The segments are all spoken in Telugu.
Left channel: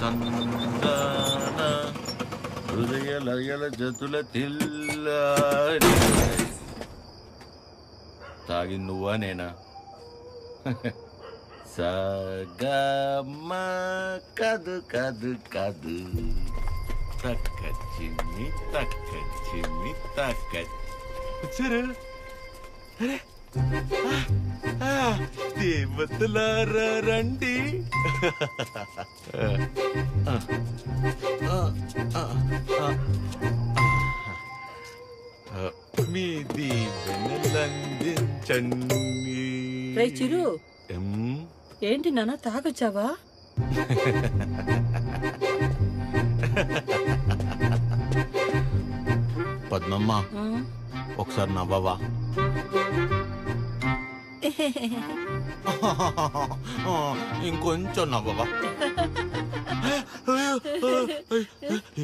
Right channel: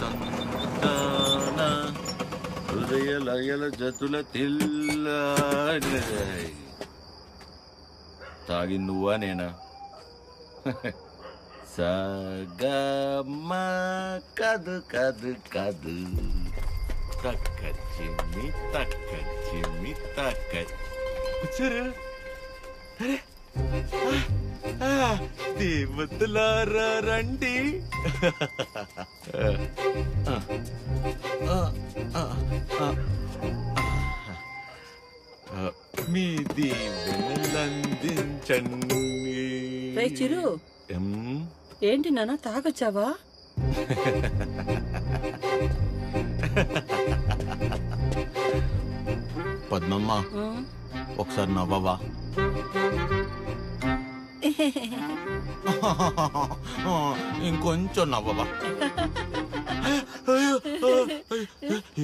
తందాన హృదయ లయల జతుల తాగి నువ్వా నేనా? సగమ కదు కదు కదు తక్క చిమ్మి తక్క వచ్చారు. అరే దేవతలారా రండి. మీ దీవెనలందించండి. చిరు ఏంటి నాన్న తాగొచ్చావా? పద్మమ్మ ఒకసారి నవ్వవా? ఇంకొంచెం నవ్వవా?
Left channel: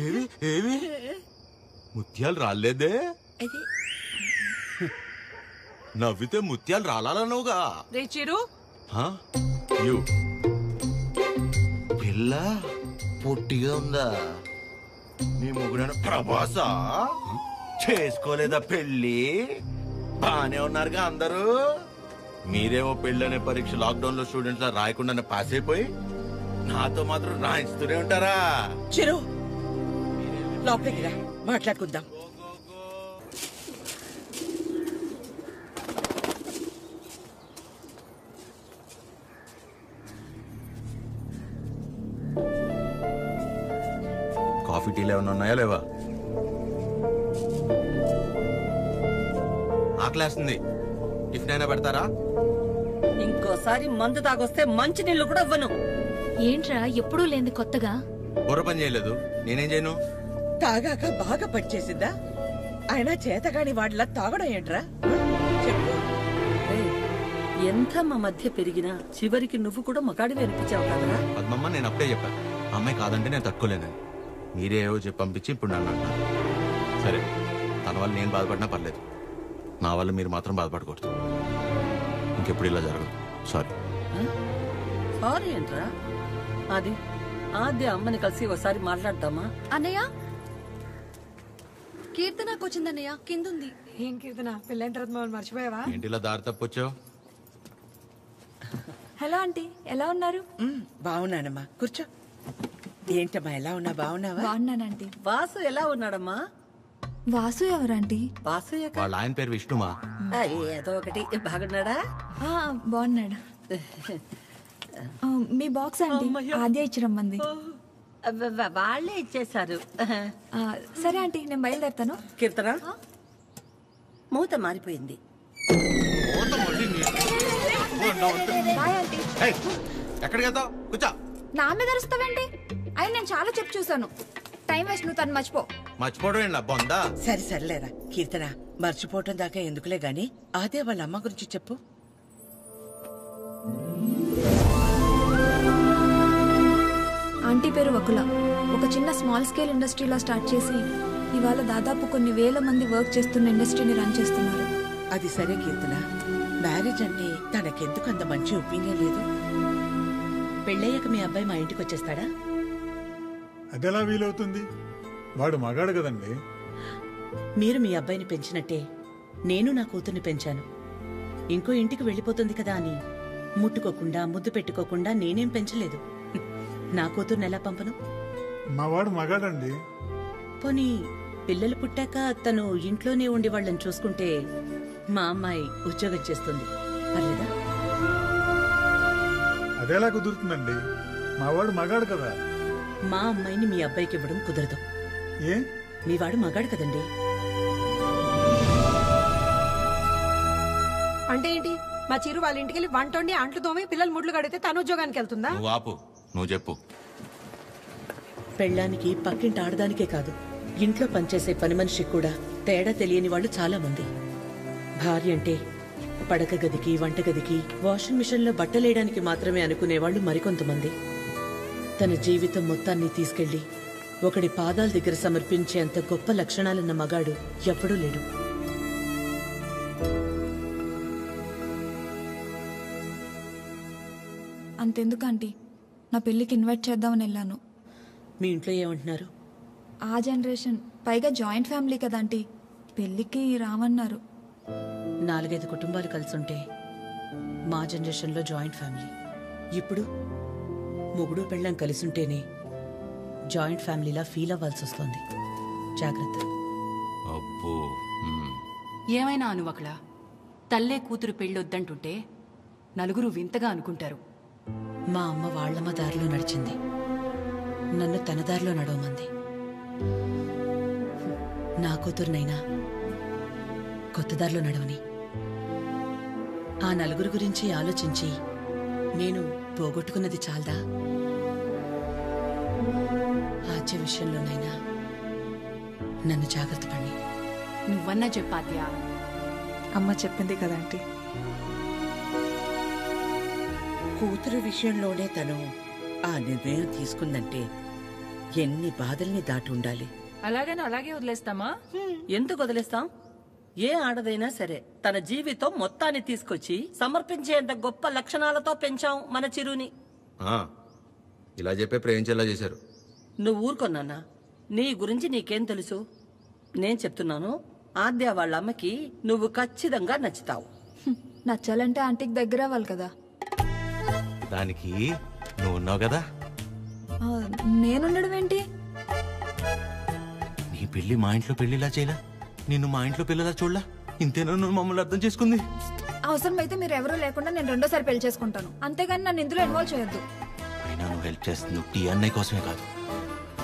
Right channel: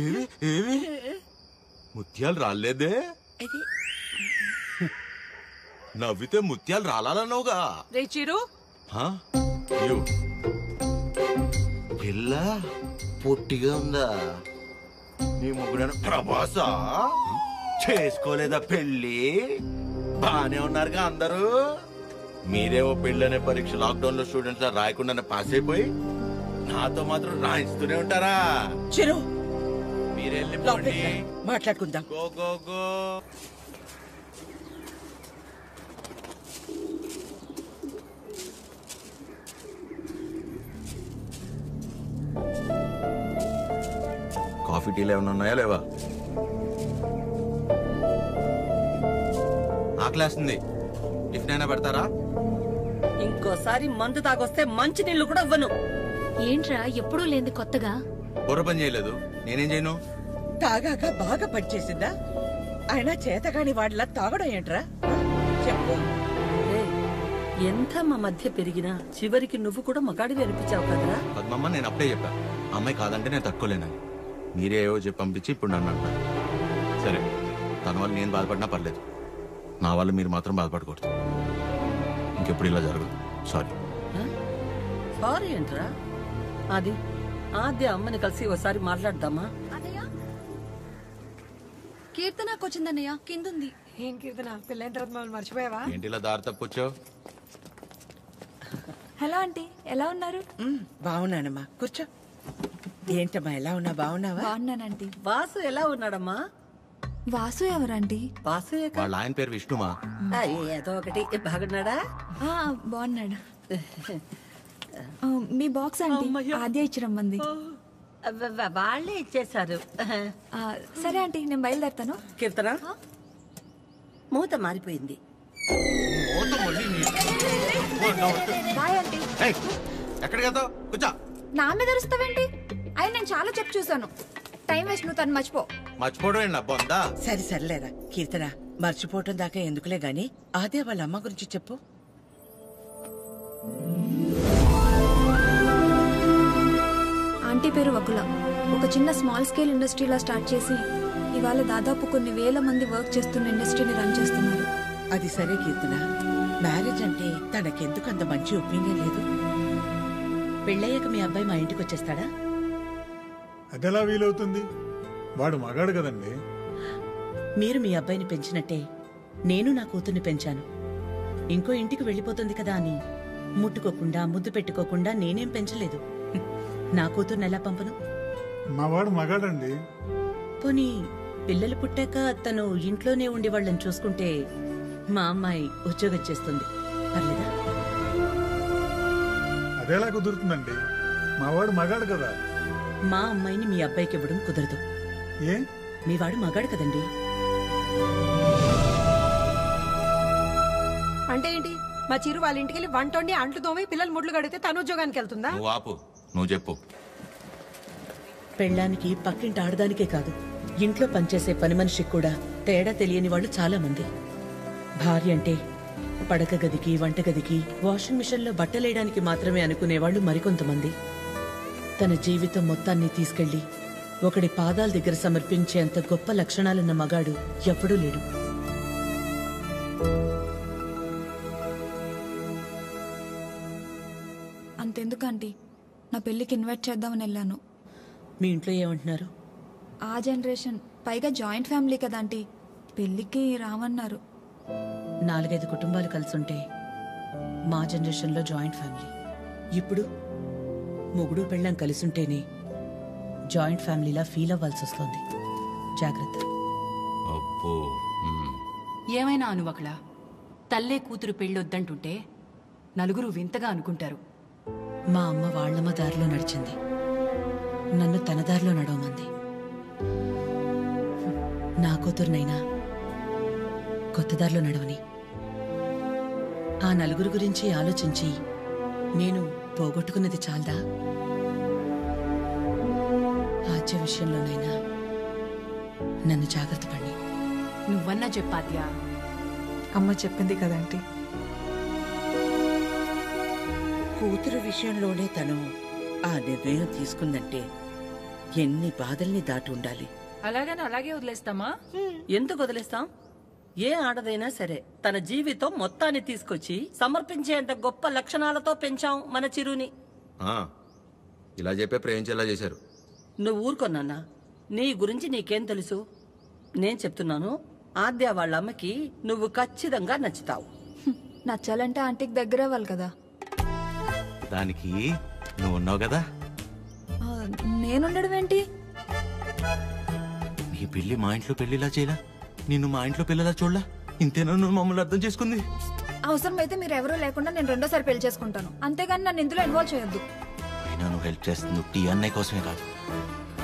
ఏవి ఏవి ముత్యాలు రాలేదే? నవ్వితే ముత్యాలు రాలనవుగా. చిరు పిల్ల పొట్టిగా ఉందా? నీ ముగ్గురు ప్రభాసా చేసుకోలేదా పెళ్ళి? బానే ఉన్నారుగా అందరూ. మీరేమో పెళ్ళనే పరీక్ష లాక్డౌన్ లో స్టూడెంట్స్ లా రాయకుండానే పాస్ అయిపోయి నాతో మాత్రం రాయిస్తూనే ఉంటారా? చిరు మీరెళ్ళి మాట్లాడుకుందాం. Go go go. కాఫీ టీలు ఏమైనా ఉన్నాయా లేవా? ఆకలేస్తుంది, టిఫిన్ అయినా పెడతారా? ఇంకోసారి మందు తాగొస్తే మంచి నీళ్లు కూడా ఇవ్వను. ఏంట్రా ఎప్పుడూ లేని కొత్తగా? బుర్ర పని చేయలేదు, నేనేం చేయను? తాగాక బాగా పనిచేసిందా? అయినా చేతగాని వాడిలా తాగడం ఏంట్రా? చెప్పు. ఎంత మా మధ్య పెరిగినా చివరికి నువ్వు కూడా మగాడివి అనిపించావు కదరా? పద్మమ్మ నేను అప్పుడే చెప్పా, అమ్మాయి కాదంటే నేను తట్టుకోలేనని. మీరే ఏవో చెప్పి పంపించి ఇప్పుడు నన్ను అంటున్నారు. సరే, తన వల్ల నేను బాధపడినా పర్లేదు, నా వల్ల మీరు మాత్రం బాధపడకూడదు. ఇంకెప్పుడు ఇలా జరగదు. సారీ. సారీ ఏంట్రా? అది ఆద్య అమ్మని కలిసి ఒకసారి మాట్లాడదామా? అన్నయ్య కీర్తనకు వచ్చిందన్నయ్య, కిందుంది. ఏం కీర్తన, పెళ్ళైన తర్వాత మమ్మల్ని మర్చిపోయావా? ఏంటి ఇలా దారి తప్పొచ్చావు? హలో ఆంటీ, ఎలా ఉన్నారు? బాగున్నానమ్మా, కూర్చో. ఏంటమ్మా ఎలా ఉన్నా? బాగున్నావా? బాగున్నానంటీ. వాసు ఎలా ఉన్నాడమ్మా? వాసు ఎవరంటీ? వాసు వాళ్ళ ఆయన పేరు విష్ణుమా? ఏదో ఒకటి. బాగున్నాడా? బాగున్నాడు. మీ బాక్స్ ఆంటీ ఆద్య ఇచ్చిరమ్మంది. వాళ్ళే ఇచ్చేశారు. సరే ఆంటీ, నేను బయలుదేరుతాను. కీర్తన, మూత మారిపోయింది. Bye aunty. ఎక్కడికి వెళ్తావు? కూర్చో. నా మీద అరుస్తావేంటి? అయినా నేను చాలా చెప్పు చూసాను. టైం వేస్ట్, నువ్వు తను మర్చిపో. మర్చిపోవడం ఏంటి బొందా? సరేలేరా కీర్తన, మర్చిపోవటం దాకా ఎందుకులే గాని అదే వాళ్ళ అమ్మ గురించి చెప్పు. ఆంటీ పేరు వకుల. ఒక చిన్న స్మాల్ స్కేల్ ఇండస్ట్రీలా స్టార్ట్ చేసి ఇవాళ దాదాపు కొన్ని వేల మంది వర్క్ చేస్తున్న ఇండస్ట్రీని రన్ చేస్తున్నారు. అది సరే కీర్తన, మ్యారేజ్ అంటే తనకెందుకు అంత మంచి ఒపీనియన్ లేదు? పెళ్ళయ్యాక మీ అబ్బాయి మా ఇంటికి వచ్చేస్తాడా? అదెలా వీలవుతుంది? వాడు మగాడు కదండి. మీరు మీ అబ్బాయిని పెంచినట్టే నేను నా కూతుర్ని పెంచాను. ఇంకో ఇంటికి వెళ్ళిపోతుంది కదా అని ముట్టుకోకుండా ముద్దు పెట్టుకోకుండా నేనేం పెంచలేదు. నా కూతుర్ని ఎలా పంపను? మా వాడు మగాడండి. పోనీ పిల్లలు పుట్టాక తను ఇంట్లోనే ఉండి వాళ్ళని చూసుకుంటే మా అమ్మాయి ఉద్యోగం చేస్తుంది, పర్లేదా? అదెలా కుదురుతుందండి? మా వాడు మగాడు కదా. మా అమ్మాయిని మీ అబ్బాయికి ఇవ్వడం కుదరదు. ఏ? మీ వాడు మగాడు కదండి. అంటే ఏంటి? మా చిరు వాళ్ళ ఇంటికి వెళ్ళి వంట వండి అంట్లు తోమి పిల్లలు ముడ్లు కడితే తను ఉద్యోగానికి వెళ్తుందా? నువ్వు ఆపు, నువ్వు చెప్పు. పెళ్ళానికి పక్కింటి ఆడదానికే కాదు, ఇంట్లో పనిచేసే పని మనిషికి కూడా తేడా తెలియని వాళ్ళు చాలా మంది. భార్య అంటే పడక గదికి, వంటగదికి, వాషింగ్ మిషన్లో బట్టలేయడానికి మాత్రమే అనుకునేవాళ్లు మరికొంతమంది. తన జీవితం మొత్తాన్ని తీసుకెళ్లి ఒకడి పాదాల దగ్గర సమర్పించేంత గొప్ప లక్షణాలున్న మగాడు ఎప్పుడూ లేడు. అంతెందుకు ఆంటీ, నా పెళ్ళికి ఇన్వైట్ చేద్దామని వెళ్ళాను. మీ ఇంట్లో ఏమంటున్నారు? ఆ జనరేషన్, పైగా జాయింట్ ఫ్యామిలీ కదా ఆంటీ, పెళ్ళికి రామన్నారు. 4-5 కుటుంబాలు కలిసుంటే మా జనరేషన్లో జాయింట్ ఫ్యామిలీ. ఇప్పుడు మొగుడు పెళ్ళం కలిసుంటేనే జాయింట్ ఫ్యామిలీలా ఫీల్ అవ్వాల్సి వస్తుంది. జాగ్రత్త. అబ్బో. ఏమైనా అనువకళ, తల్లే కూతురు పెళ్ళొద్దంటుంటే నలుగురు వింతగా అనుకుంటారు. మా అమ్మ వాళ్ళమ్మ దారిలో నడిచింది, నన్ను తన దారిలో నడవమంది. నా కూతురునైనా కొత్త దారిలో నడవని. ఆ నలుగురు గురించి ఆలోచించి నేను పోగొట్టుకున్నది చాలదా? ఆద్య విషయంలోనైనా నన్ను జాగ్రత్త పడి. నువ్వన్నా చెప్పాద్యా. అమ్మ చెప్పింది కదా ఆంటీ. కూతురు విషయంలోనే తను ఆ నిర్ణయం తీసుకుందంటే ఎన్ని బాధల్ని దాటి ఉండాలి. అలాగని అలాగే వదిలేస్తామా? ఎందుకు వదిలేస్తాం? ఏ ఆడదైనా సరే తన జీవితం మొత్తాన్ని తీసుకొచ్చి సమర్పించేంత గొప్ప లక్షణాలతో పెంచాం మన చిరుని. ఇలా చెప్పే ప్రేమించేలా చేశారు. నువ్వు ఊరుకొన్నానా? నీ గురించి నీకేం తెలుసు? నేను చెప్తున్నాను, ఆద్య వాళ్ళ అమ్మకి నువ్వు ఖచ్చితంగా నచ్చుతావు. నచ్చాలంటే ఆంటీకి దగ్గర అవ్వాలి కదా. దానికి నువ్వు ఉన్నావు కదా. నేనుండడం ఏంటి? నీ పెళ్లి మా ఇంట్లో పెళ్లిలా చేయలా, నిన్ను మా ఇంట్లో పిల్లలా చూడలా. ఇంతేనా నువ్వు మమ్మల్ని అర్థం చేసుకుంది? అవసరమైతే మీరు ఎవరూ లేకుండా నేను రెండోసారి పెళ్లి చేసుకుంటాను, అంతేగాని నన్ను ఇందులో ఇన్వాల్వ్ చేయొద్దు. అయినా నువ్వు హెల్ప్ చేస్తుంది టీ అన్నయ్య కోసమే కాదు,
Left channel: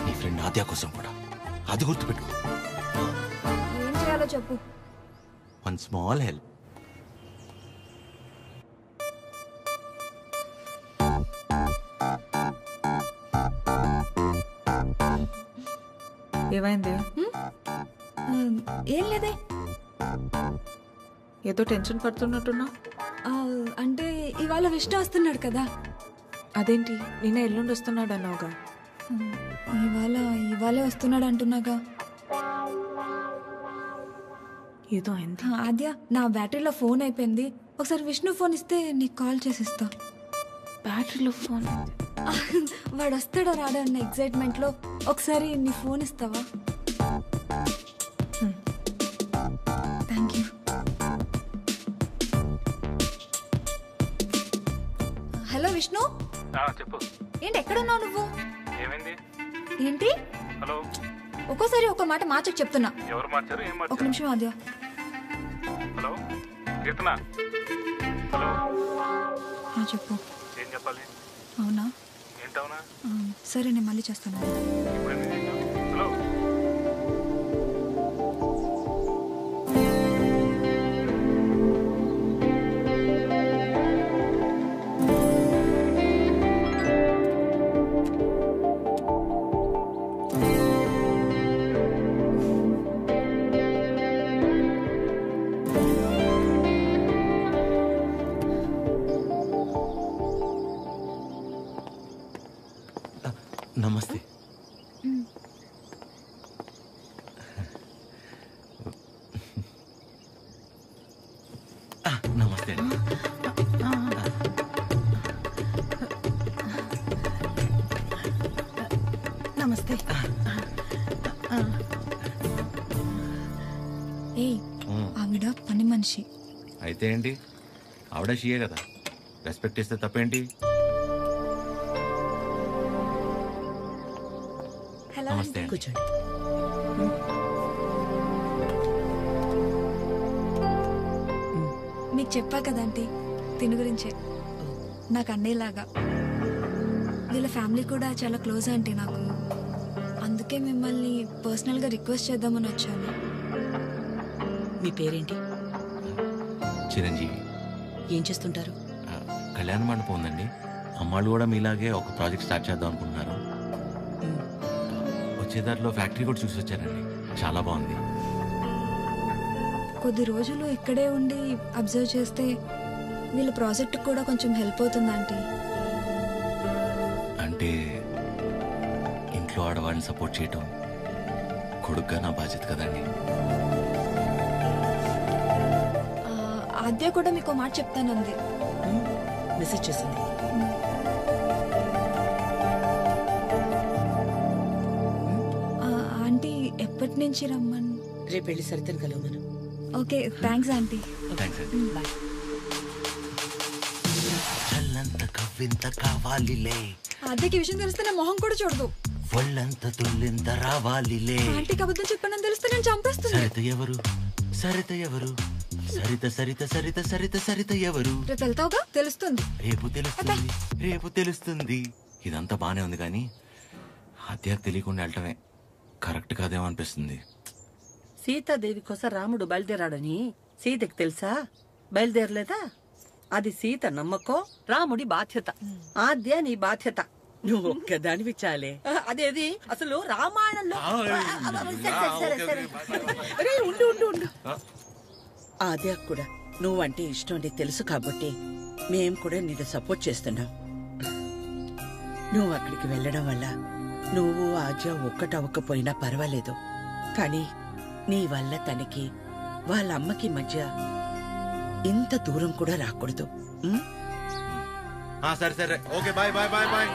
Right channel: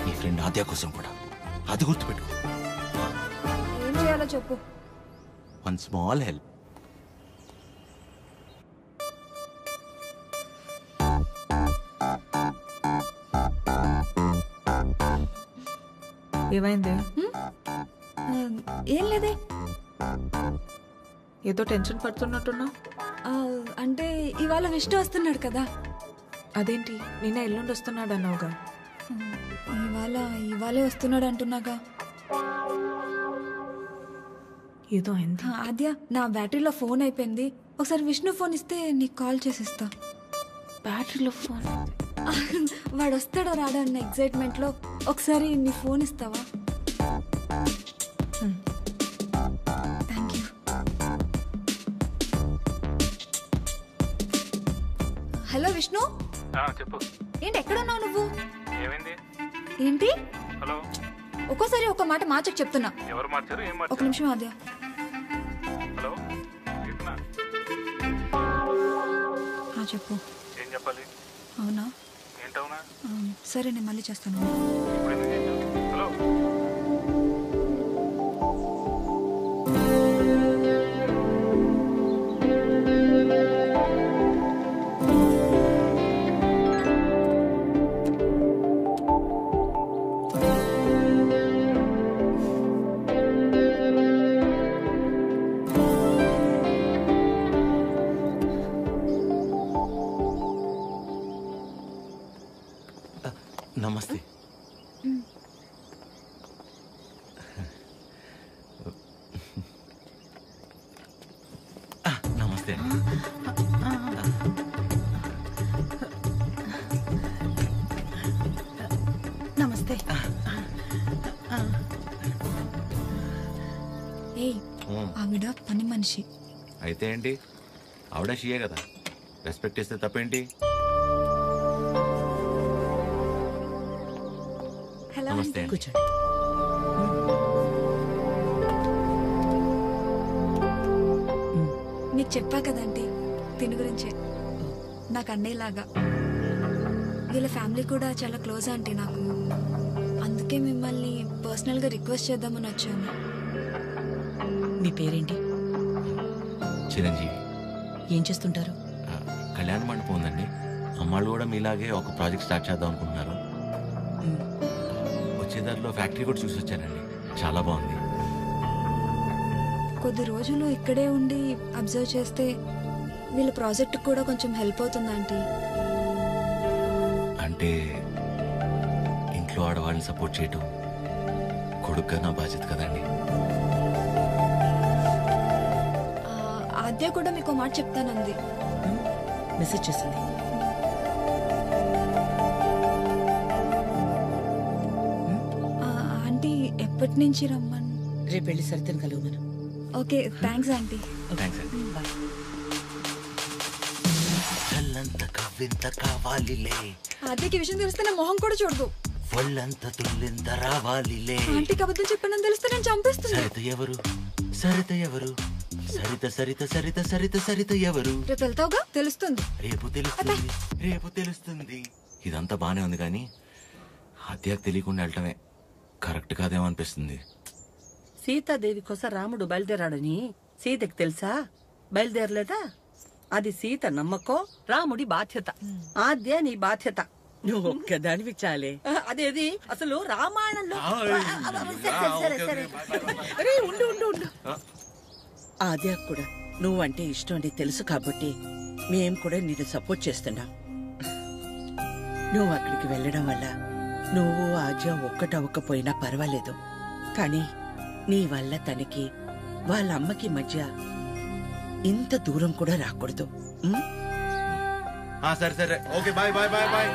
నీ ఫ్రెండ్ ఆద్య కోసం కూడా. అది గుర్తుపెట్టుకో. ఏం చేయాలో చెప్పు. One small help. ఏమైంది? ఏం లేదే. ఏదో టెన్షన్ పడుతున్నట్టున్నా. అంటే ఇవాళ విష్ణు వస్తున్నాడు కదా. అదేంటి, నిన్న ఎల్లుండి వస్తున్నాడు అన్నావుగా. ఇవాళే వస్తున్నాడు అంటున్నాగా. ఏదో అయింది. ఆద్య, నా బ్యాటరీలో ఫోన్ అయిపోయింది. ఒకసారి విష్ణు ఫోన్ ఇస్తే నీకు కాల్ చేసిస్తా. బ్యాటరీలో ఫోన్? వాడు వస్తాడో రాడో అన్న ఎగ్జైట్మెంట్లో ఒకసారి నీ ఫోన్ ఇస్తావా? Thank you. హలో విష్ణు. చెప్పు. ఏంటి ఎక్కడున్నావు నువ్వు? ఏమైంది? ఏంటి? హలో. ఒక్కోసారి ఒక మాట మార్చకు చెప్తున్నా. ఎవరు మార్చారు? ఏం మార్చారు? ఒక నిమిషం ఆద్య. హలో కీర్తన. చెప్పు. ఏం చెప్పాలి? అవునా? ఏంటవునా? సరే నేను మళ్ళీ చేస్తాను. ఇప్పుడు ఎందుకు చేసావు? హలో. నమస్తే. నమస్తే అండి. నమస్తే. ఏయ్, ఆవిడ పని మనిషి. అయితే ఏంటి, ఆవిడ షియే కదా, రెస్పెక్ట్ ఇస్తే తప్పేంటి? హలో. నమస్తే. కూర్చోండి. మీకు చెప్పా కదా ఆంటీ, తిని గురించే. నాకు అన్నయ్యలాగా. వీళ్ళ ఫ్యామిలీ కూడా చాలా క్లోజ్ ఆంటీ నాకు. అందుకే మిమ్మల్ని పర్సనల్గా రిక్వెస్ట్ చేద్దామని వచ్చాను. మీ పేరేంటి? చిరంజీవి. ఏం చేస్తుంటారు? కళ్యాణ మండపం ఉందండి. అమ్మాళ్ళు కూడా మీలాగే ఒక ప్రాజెక్ట్ స్టార్ట్ చేద్దాం అనుకుంటున్నారు. వచ్చేదారిలో ఫ్యాక్టరీ కూడా చూసి వచ్చారండి, చాలా బాగుంది. కొద్ది రోజులు ఇక్కడే ఉండి అబ్జర్వ్ చేస్తే వీళ్ళ ప్రాజెక్ట్ కూడా కొంచెం హెల్ప్ అవుతుంది ఆంటీ. అంటే ఇంట్లో ఆడవాళ్ళని సపోర్ట్ చేయటం కొడుగ్గా నా బాధ్యత కదండి. ఆద్య కూడా మీకు మాట చెప్తానంది. మెసేజ్ చేసింది. ఆంటీ ఎప్పటి నుంచి రమ్మని? రేపు వెళ్ళి సరితను కలవమను. Okay, thanks aunty. థ్యాంక్స్ అండి. బాయ్. చల్లంత కవ్వింత కావాలిలే, ఆద్యకి విషయం తెలిస్తే నా మొహం కూడా చూడదు. ఒళ్ళంత తుల్లింత రావాలిలే. ఆంటీకి అబద్ధం చెప్పానని తెలిస్తే నేను చంపేస్తుంది. సరిత ఎవరు, సరిత ఎవరు, సరిత సరిత సరిత సరిత సరిత ఎవరు? రేపు వెళ్తావుగా, తెలుస్తుంది. రేపు తెలుస్తుంది, రేపు తెలుస్తుంది. ఇదంతా బానే ఉంది కానీ హత్యకు తెలియకుండా వెళ్ళటమే కరెక్ట్ కాదేమో అనిపిస్తుంది. సీతాదేవి కోసం రాముడు బయలుదేరాడని సీతకి తెలుసా? బయలుదేరలేదా? అది సీత నమ్మకం, రాముడి బాధ్యత. ఆద్య నీ బాధ్యత. నువ్వు ఒక్కదానివి చాలే. అదేది అసలు రామాయణంలో సరే, సరే. అరే ఉండు ఉండు ఉండు. ఆద్య కూడా నువ్వంటే ఇష్టం అని తెలుసు కాబట్టి మేం కూడా నిన్ను సపోర్ట్ చేస్తున్నాం. నువ్వు అక్కడికి వెళ్ళడం వల్ల నువ్వు ఆద్య ఒక్కటవ్వకపోయినా పర్వాలేదు, కానీ నీ వల్ల తనకి వాళ్ళ అమ్మకి మధ్య ఇంత దూరం కూడా రాకూడదు. సరే సరే, okay, bye bye bye bye.